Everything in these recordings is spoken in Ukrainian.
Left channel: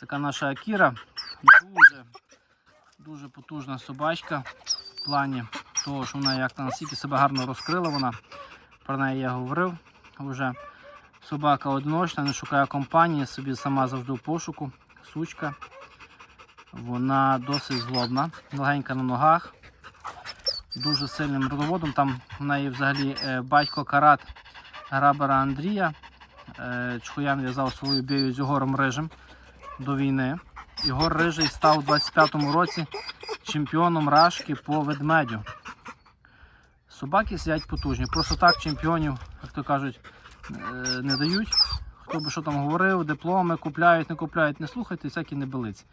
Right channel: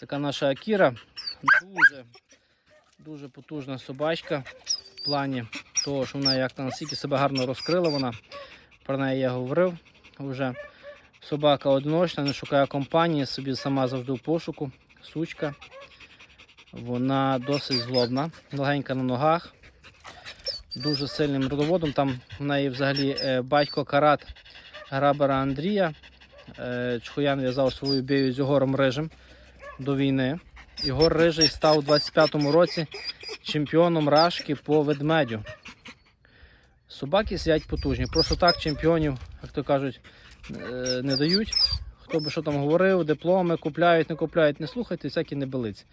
така наша Акіра. Дуже, дуже потужна собачка в плані того, що вона як наскільки себе гарно розкрила вона. Про неї я говорив вже. Собака одиночна, не шукає компанії, собі сама завжди в пошуку. Сучка. Вона досить злобна, легенька на ногах, дуже сильним родоводом. Там в неї взагалі е, батько карат грабера Андрія. Е, Чхоян в'язав свою бію з Єгором Рижем до війни. Ігор Рижий став у 25-му році чемпіоном Рашки по ведмедю. Собаки сидять потужні. Просто так чемпіонів, як то кажуть, е, не дають. Хто би що там говорив, дипломи купляють, не купляють, не слухайте, всякі небелиці.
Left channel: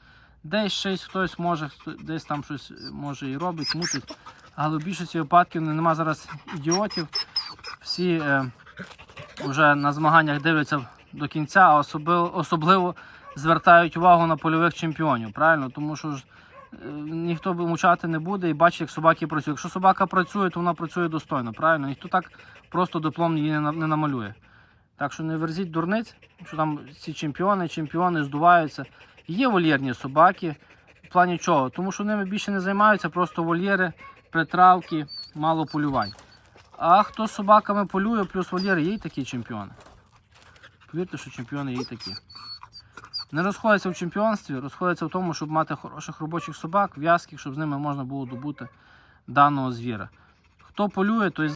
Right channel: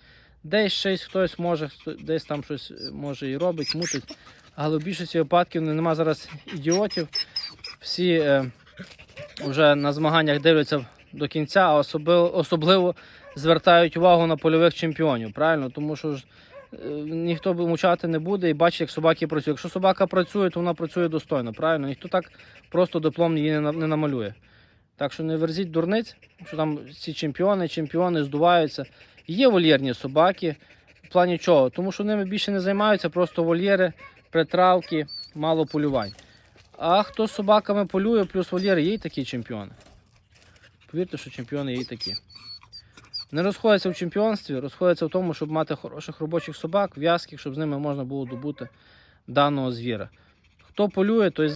Десь щось хтось може, десь там щось е, може і робить, мутить. Але в більшості випадків нема зараз ідіотів. Всі е, вже на змаганнях дивляться до кінця, а особливо, особливо звертають увагу на польових чемпіонів. Правильно? Тому що ж е, ніхто мучати не буде і бачить, як собаки працюють. Якщо собака працює, то вона працює достойно. Правильно? Ніхто так просто диплом її не, намалює. Так що не верзіть дурниць, що там ці чемпіони, чемпіони здуваються. Є вольєрні собаки. В плані чого? Тому що ними більше не займаються, просто вольєри, притравки, мало полювань. А хто з собаками полює, плюс вольєри, є й такі чемпіони. Повірте, що чемпіони є такі. Не розходяться в чемпіонстві, розходяться в тому, щоб мати хороших робочих собак, в'язких, щоб з ними можна було добути даного звіра. Хто полює, той